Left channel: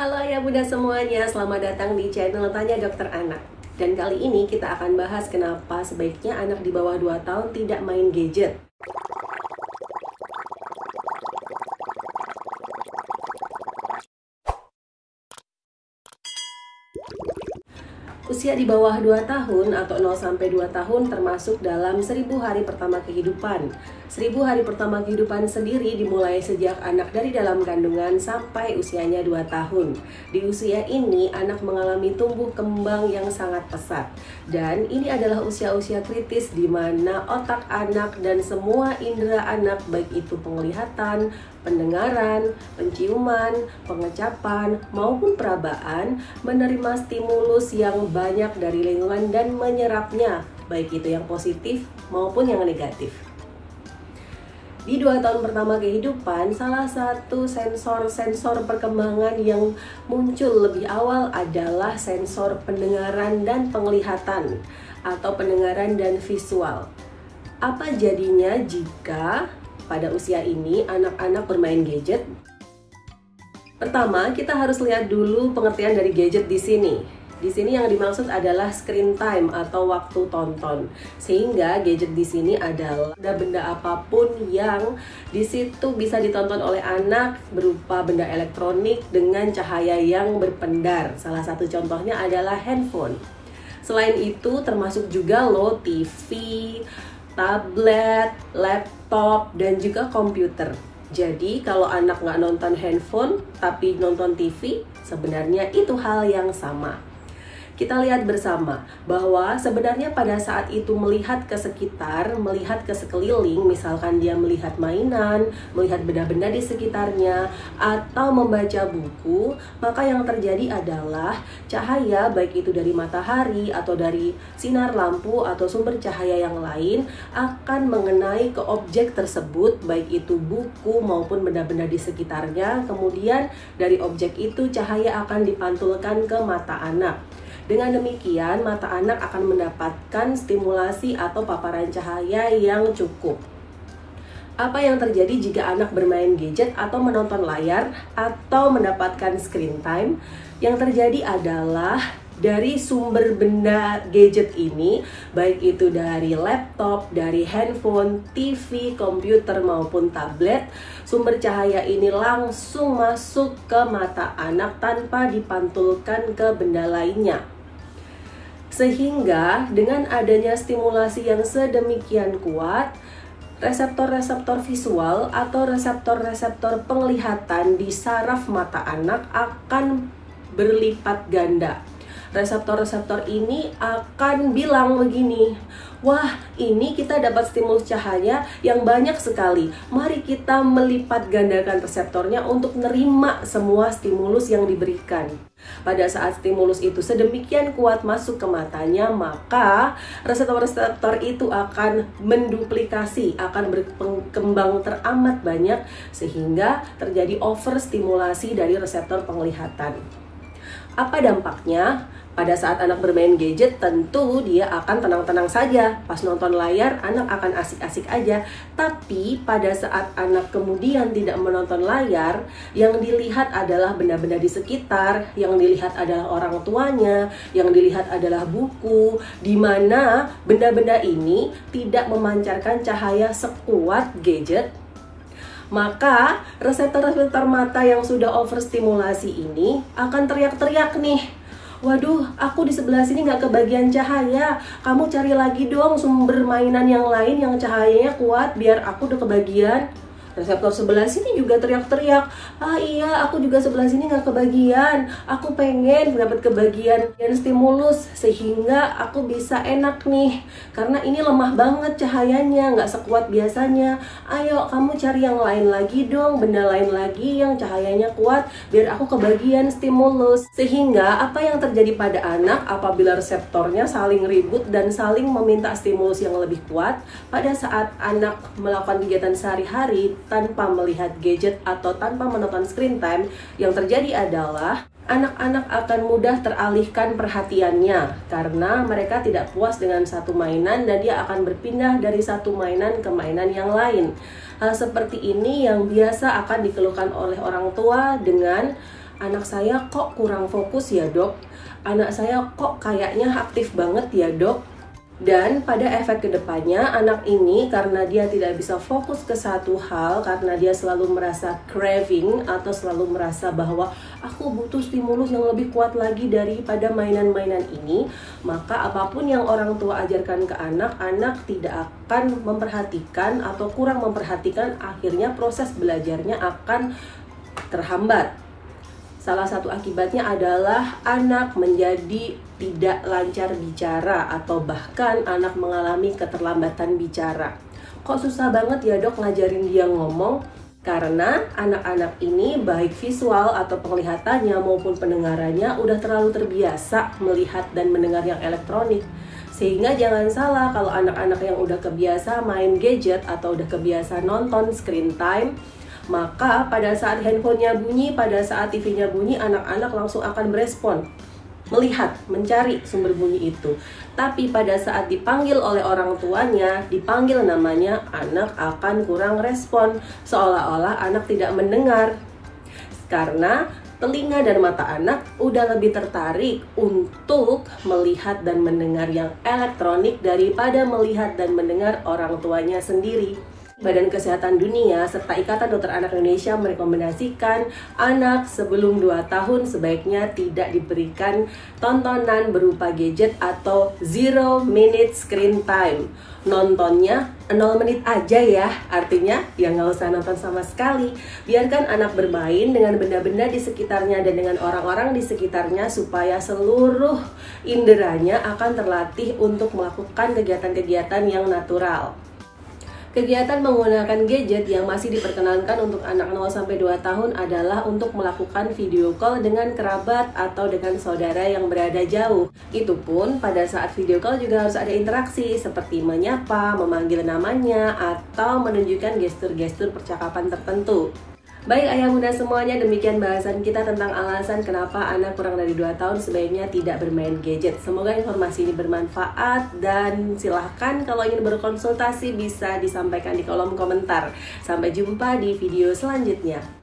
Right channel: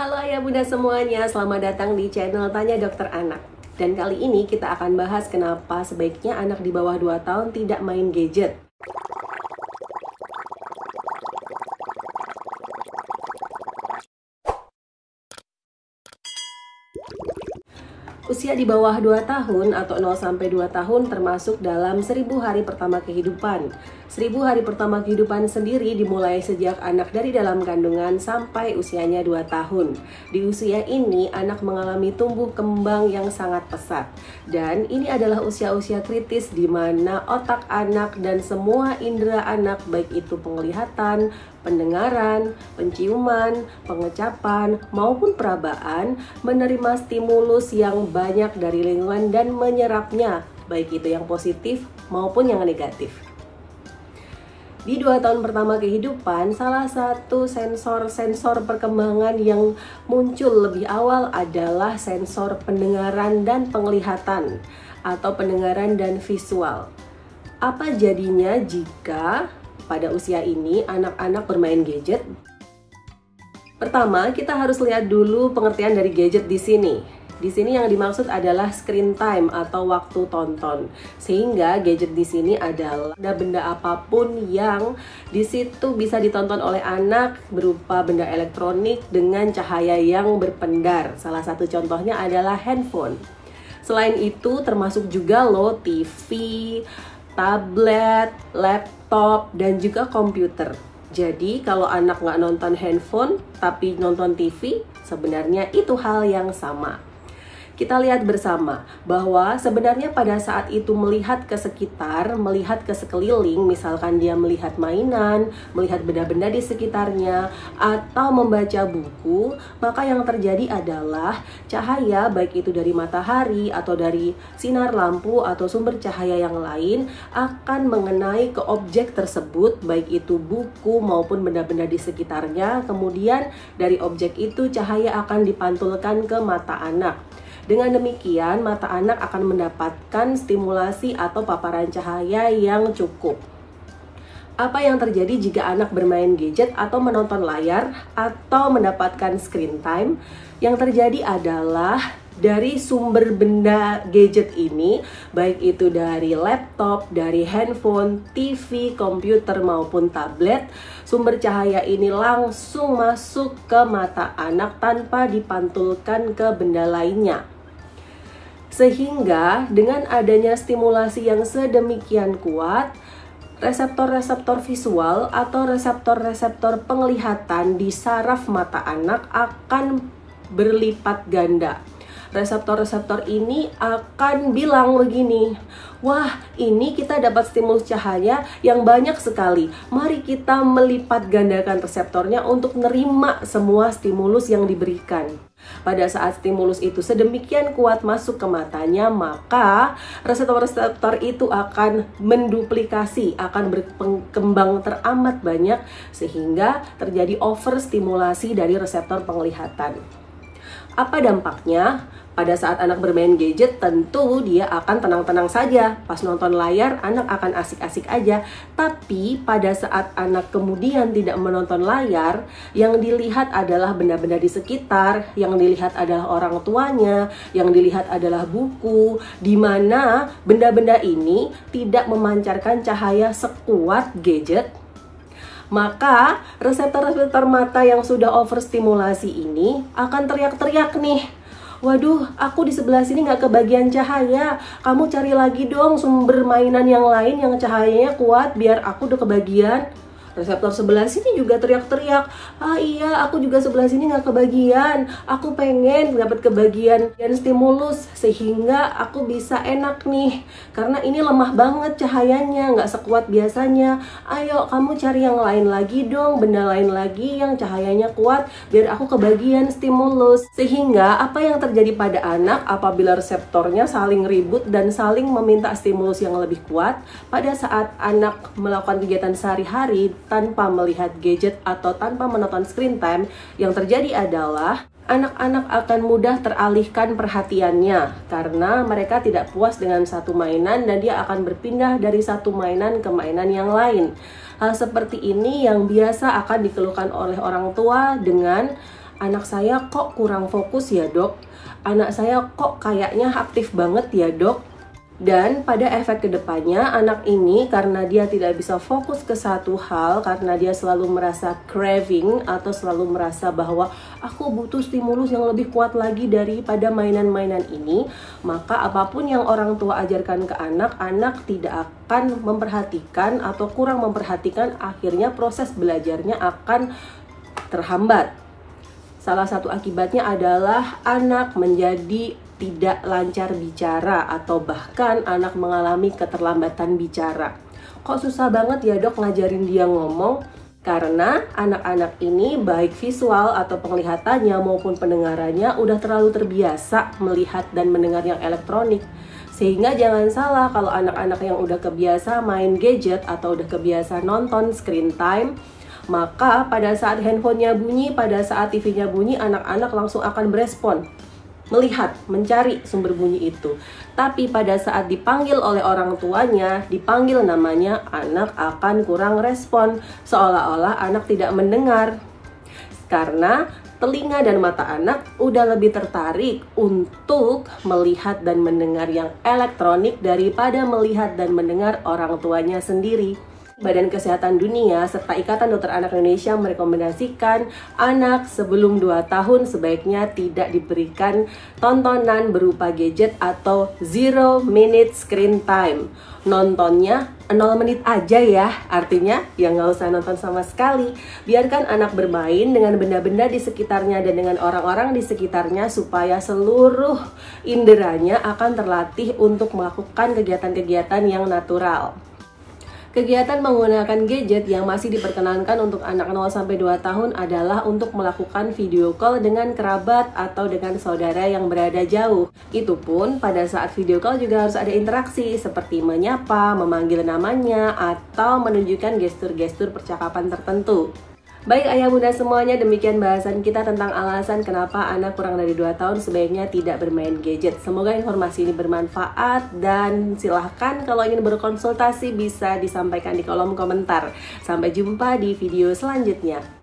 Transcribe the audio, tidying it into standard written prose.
Halo ya Bunda semuanya, selamat datang di channel Tanya Dokter Anak. Dan kali ini kita akan bahas kenapa sebaiknya anak di bawah 2 tahun tidak main gadget. Usia di bawah 2 tahun atau 0-2 tahun termasuk dalam 1000 hari pertama kehidupan. 1000 hari pertama kehidupan sendiri dimulai sejak anak dari dalam kandungan sampai usianya 2 tahun. Di usia ini anak mengalami tumbuh kembang yang sangat pesat. Dan ini adalah usia-usia kritis di mana otak anak dan semua indera anak baik itu penglihatan, pendengaran, penciuman, pengecapan, maupun perabaan menerima stimulus yang banyak dari lingkungan dan menyerapnya, baik itu yang positif maupun yang negatif. Di 2 tahun pertama kehidupan, salah satu sensor perkembangan yang muncul lebih awal adalah sensor pendengaran dan penglihatan atau pendengaran dan visual. Apa jadinya jika pada usia ini anak-anak bermain gadget? Pertama, kita harus lihat dulu pengertian dari gadget di sini. Di sini yang dimaksud adalah screen time atau waktu tonton. Sehingga gadget di sini adalah benda apapun yang di situ bisa ditonton oleh anak berupa benda elektronik dengan cahaya yang berpendar. Salah satu contohnya adalah handphone. Selain itu termasuk juga loh TV, tablet, laptop, dan juga komputer. Jadi kalau anak nggak nonton handphone tapi nonton TV, sebenarnya itu hal yang sama. Kita lihat bersama bahwa sebenarnya pada saat itu melihat ke sekitar, melihat ke sekeliling, misalkan dia melihat mainan, melihat benda-benda di sekitarnya, atau membaca buku, maka yang terjadi adalah cahaya baik itu dari matahari atau dari sinar lampu atau sumber cahaya yang lain akan mengenai ke objek tersebut, baik itu buku maupun benda-benda di sekitarnya. Kemudian dari objek itu cahaya akan dipantulkan ke mata anak. Dengan demikian, mata anak akan mendapatkan stimulasi atau paparan cahaya yang cukup. Apa yang terjadi jika anak bermain gadget atau menonton layar atau mendapatkan screen time? Yang terjadi adalah dari sumber benda gadget ini, baik itu dari laptop, dari handphone, TV, komputer maupun tablet, sumber cahaya ini langsung masuk ke mata anak tanpa dipantulkan ke benda lainnya. Sehingga dengan adanya stimulasi yang sedemikian kuat, reseptor-reseptor visual atau reseptor-reseptor penglihatan di saraf mata anak akan berlipat ganda. Reseptor-reseptor ini akan bilang begini, wah ini kita dapat stimulus cahaya yang banyak sekali. Mari kita melipat gandakan reseptornya untuk menerima semua stimulus yang diberikan. Pada saat stimulus itu sedemikian kuat masuk ke matanya, maka reseptor-reseptor itu akan menduplikasi, akan berkembang teramat banyak sehingga terjadi overstimulasi dari reseptor penglihatan. Apa dampaknya? Pada saat anak bermain gadget tentu dia akan tenang-tenang saja. Pas nonton layar anak akan asik-asik aja. Tapi pada saat anak kemudian tidak menonton layar, yang dilihat adalah benda-benda di sekitar, yang dilihat adalah orang tuanya, yang dilihat adalah buku, di mana benda-benda ini tidak memancarkan cahaya sekuat gadget. Maka reseptor-reseptor mata yang sudah overstimulasi ini akan teriak-teriak nih, waduh, aku di sebelah sini nggak kebagian cahaya. Kamu cari lagi dong sumber mainan yang lain yang cahayanya kuat biar aku udah kebagian. Reseptor sebelah sini juga teriak-teriak, ah iya aku juga sebelah sini nggak kebagian. Aku pengen dapat kebagian dan stimulus sehingga aku bisa enak nih. Karena ini lemah banget cahayanya, nggak sekuat biasanya. Ayo kamu cari yang lain lagi dong, benda lain lagi yang cahayanya kuat biar aku kebagian stimulus. Sehingga apa yang terjadi pada anak apabila reseptornya saling ribut dan saling meminta stimulus yang lebih kuat, pada saat anak melakukan kegiatan sehari-hari tanpa melihat gadget atau tanpa menonton screen time, yang terjadi adalah anak-anak akan mudah teralihkan perhatiannya karena mereka tidak puas dengan satu mainan dan dia akan berpindah dari satu mainan ke mainan yang lain. Hal seperti ini yang biasa akan dikeluhkan oleh orang tua dengan anak saya kok kurang fokus ya dok, anak saya kok kayaknya aktif banget ya dok. Dan pada efek kedepannya, anak ini karena dia tidak bisa fokus ke satu hal, karena dia selalu merasa craving atau selalu merasa bahwa aku butuh stimulus yang lebih kuat lagi daripada mainan-mainan ini, maka apapun yang orang tua ajarkan ke anak, anak tidak akan memperhatikan atau kurang memperhatikan, akhirnya proses belajarnya akan terhambat. Salah satu akibatnya adalah anak menjadi tidak lancar bicara atau bahkan anak mengalami keterlambatan bicara. Kok susah banget ya dok ngajarin dia ngomong? Karena anak-anak ini baik visual atau penglihatannya maupun pendengarannya udah terlalu terbiasa melihat dan mendengar yang elektronik. Sehingga jangan salah kalau anak-anak yang udah kebiasa main gadget atau udah kebiasa nonton screen time, maka pada saat handphonenya bunyi, pada saat TV-nya bunyi, anak-anak langsung akan berespon, melihat, mencari sumber bunyi itu. Tapi pada saat dipanggil oleh orang tuanya, dipanggil namanya, anak akan kurang respon, seolah-olah anak tidak mendengar. Karena telinga dan mata anak udah lebih tertarik untuk melihat dan mendengar yang elektronik daripada melihat dan mendengar orang tuanya sendiri. Badan Kesehatan Dunia serta Ikatan Dokter Anak Indonesia merekomendasikan anak sebelum 2 tahun sebaiknya tidak diberikan tontonan berupa gadget atau 0 minute screen time. Nontonnya 0 menit aja ya, artinya ya nggak usah nonton sama sekali. Biarkan anak bermain dengan benda-benda di sekitarnya dan dengan orang-orang di sekitarnya supaya seluruh inderanya akan terlatih untuk melakukan kegiatan-kegiatan yang natural. Kegiatan menggunakan gadget yang masih diperkenankan untuk anak 0-2 tahun adalah untuk melakukan video call dengan kerabat atau dengan saudara yang berada jauh. Itu pun pada saat video call juga harus ada interaksi seperti menyapa, memanggil namanya, atau menunjukkan gestur-gestur percakapan tertentu. Baik ayah bunda semuanya, demikian bahasan kita tentang alasan kenapa anak kurang dari 2 tahun sebaiknya tidak bermain gadget. Semoga informasi ini bermanfaat dan silahkan kalau ingin berkonsultasi bisa disampaikan di kolom komentar. Sampai jumpa di video selanjutnya.